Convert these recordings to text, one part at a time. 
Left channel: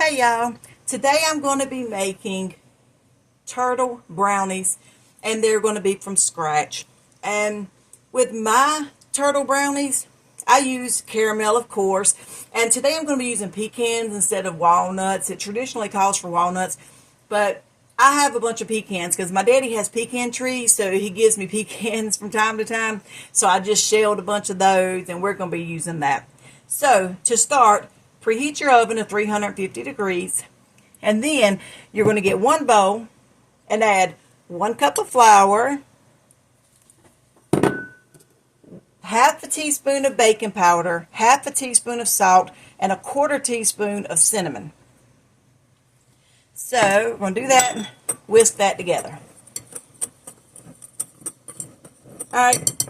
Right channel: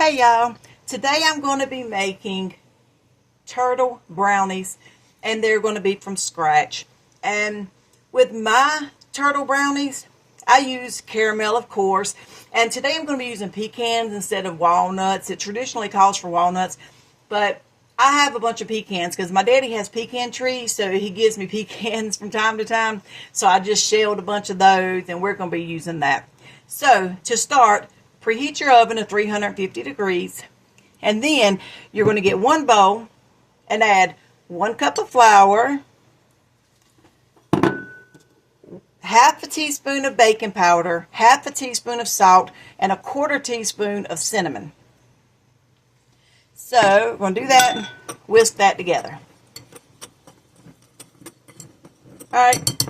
Hey y'all, today I'm going to be making turtle brownies and they're going to be from scratch. And with my turtle brownies, I use caramel, of course, and today I'm going to be using pecans instead of walnuts. It traditionally calls for walnuts, but I have a bunch of pecans because my daddy has pecan trees, so he gives me pecans from time to time. So I just shelled a bunch of those and we're going to be using that. So to start, preheat your oven to 350 degrees, and then you're going to get one bowl and add 1 cup of flour, half a teaspoon of baking powder, half a teaspoon of salt, and 1/4 teaspoon of cinnamon. So we're going to do that and whisk that together. Alright,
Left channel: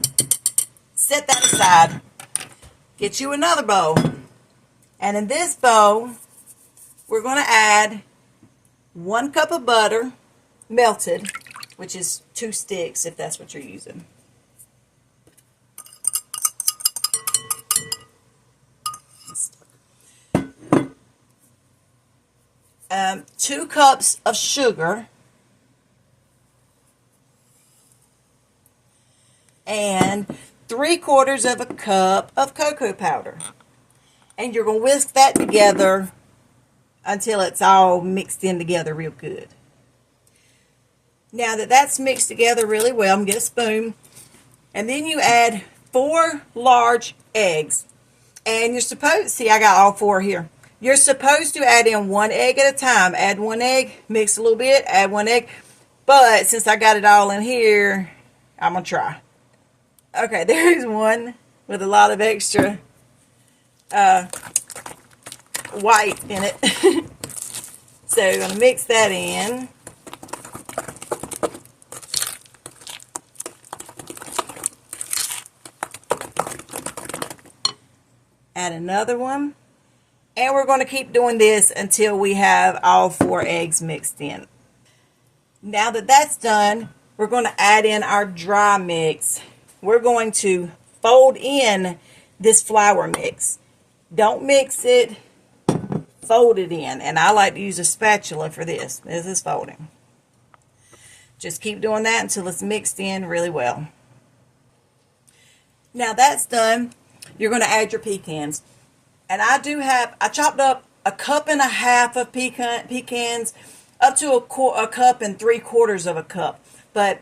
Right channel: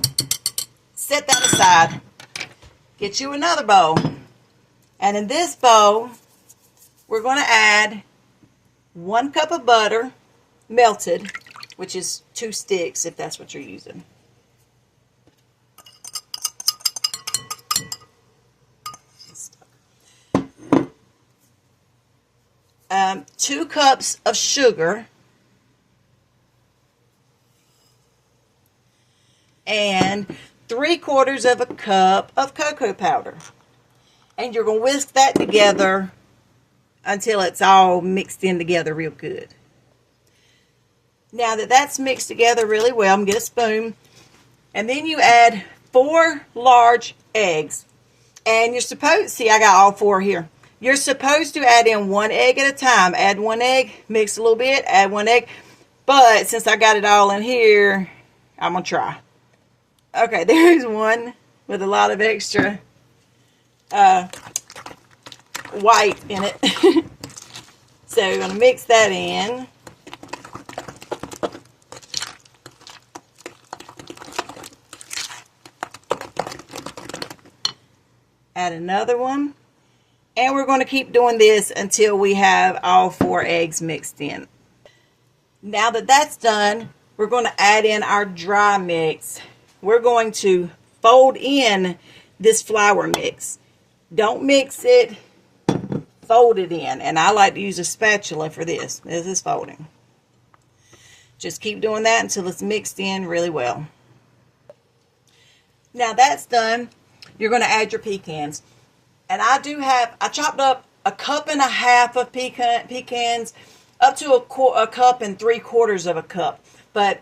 set that aside. Get you another bowl. And in this bowl, we're going to add 1 cup of butter, melted, which is 2 sticks if that's what you're using. Um, 2 cups of sugar, and 3/4 of a cup of cocoa powder. And you're going to whisk that together until it's all mixed in together real good. Now that that's mixed together really well, I'm going to get a spoon. And then you add 4 large eggs. And you're supposed, see, I got all 4 here. You're supposed to add in 1 egg at a time. Add 1 egg, mix a little bit, add 1 egg. But since I got it all in here, I'm going to try. Okay, there's one with a lot of extra white in it. So you're going to mix that in. Add another one. And we're going to keep doing this until we have all 4 eggs mixed in. Now that that's done, we're going to add in our dry mix. We're going to fold in this flour mix. Don't mix it, fold it in. And I like to use a spatula for this. This is folding. Just keep doing that until it's mixed in really well. Now that's done, you're going to add your pecans. And I chopped up 1.5 cups of pecans, up to a cup and 3/4 of a cup. But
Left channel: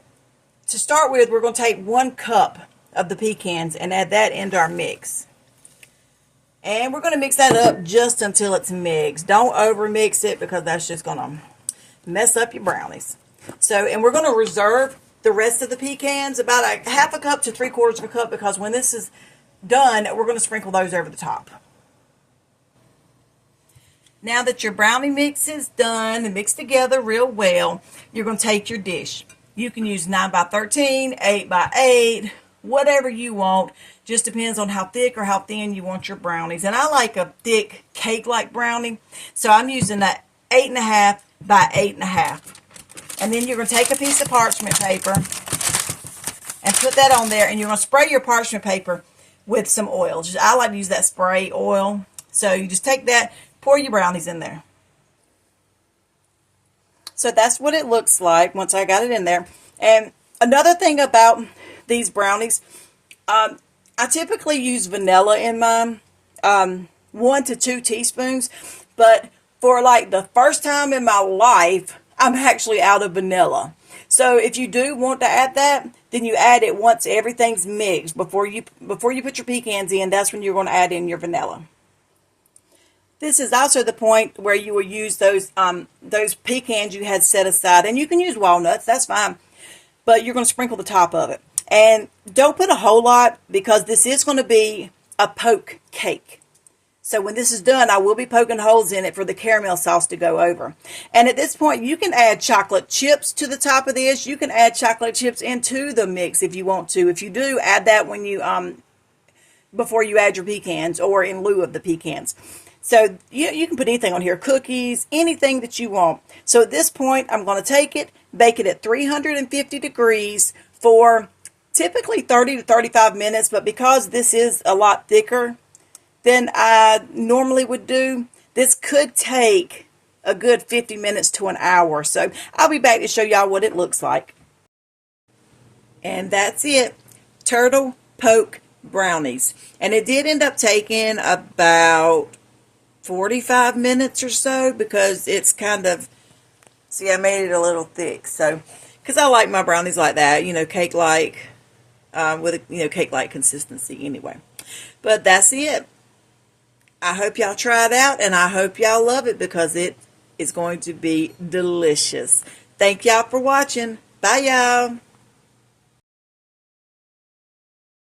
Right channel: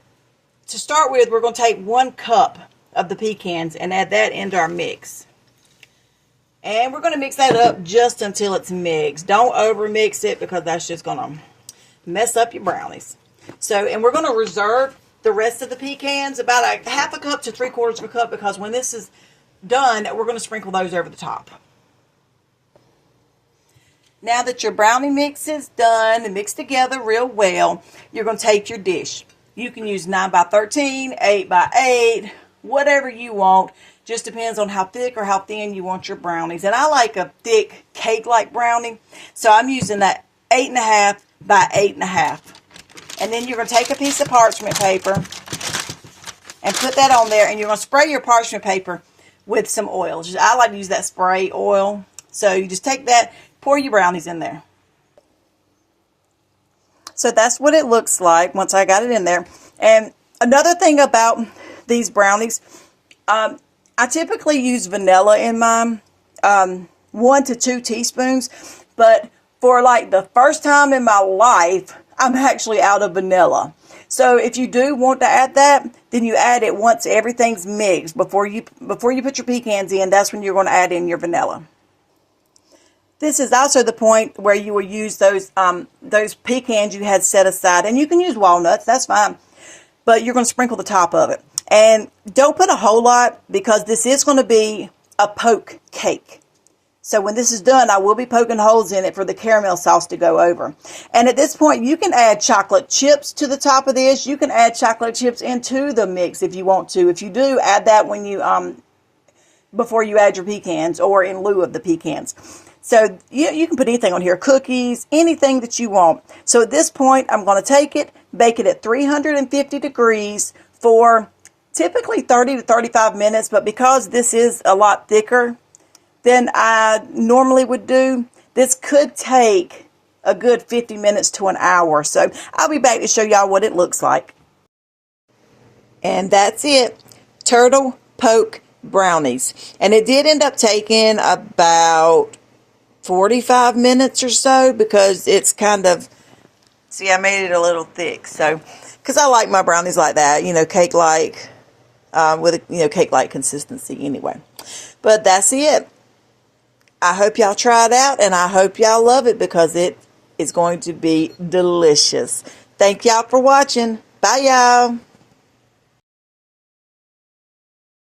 to start with, we're going to take 1 cup of the pecans and add that into our mix. And we're going to mix that up just until it's mixed. Don't over mix it because that's just going to mess up your brownies. So, and we're going to reserve the rest of the pecans, about a 1/2 cup to 3/4 of a cup, because when this is done, we're going to sprinkle those over the top. Now that your brownie mix is done and mixed together real well, you're going to take your dish. You can use 9x13, 8x8, whatever you want. Just depends on how thick or how thin you want your brownies. And I like a thick cake-like brownie, so I'm using that 8.5 by 8.5. And then you're going to take a piece of parchment paper and put that on there, and you're going to spray your parchment paper with some oil. I like to use that spray oil. So you just take that, pour your brownies in there. So that's what it looks like once I got it in there. And another thing about these brownies, I typically use vanilla in mine, 1 to 2 teaspoons. But for like the first time in my life, I'm actually out of vanilla. So if you do want to add that, then you add it once everything's mixed. Before you put your pecans in, that's when you're going to add in your vanilla. This is also the point where you will use those pecans you had set aside. And you can use walnuts, that's fine. But you're going to sprinkle the top of it. And don't put a whole lot, because this is going to be a poke cake. So when this is done, I will be poking holes in it for the caramel sauce to go over. And at this point, you can add chocolate chips to the top of this. You can add chocolate chips into the mix if you want to. If you do, add that when you before you add your pecans, or in lieu of the pecans. So you can put anything on here, cookies, anything that you want. So at this point, I'm going to take it, bake it at 350 degrees for typically 30 to 35 minutes. But because this is a lot thicker than I normally would do, this could take a good 50 minutes to an hour. So I'll be back to show y'all what it looks like. And that's it. Turtle poke brownies. And it did end up taking about 45 minutes or so because it's kind of, see, I made it a little thick. So, because I like my brownies like that, you know, cake-like, with a, you know, cake-like consistency anyway. But that's it. I hope y'all try it out, and I hope y'all love it because it is going to be delicious. Thank y'all for watching. Bye, y'all.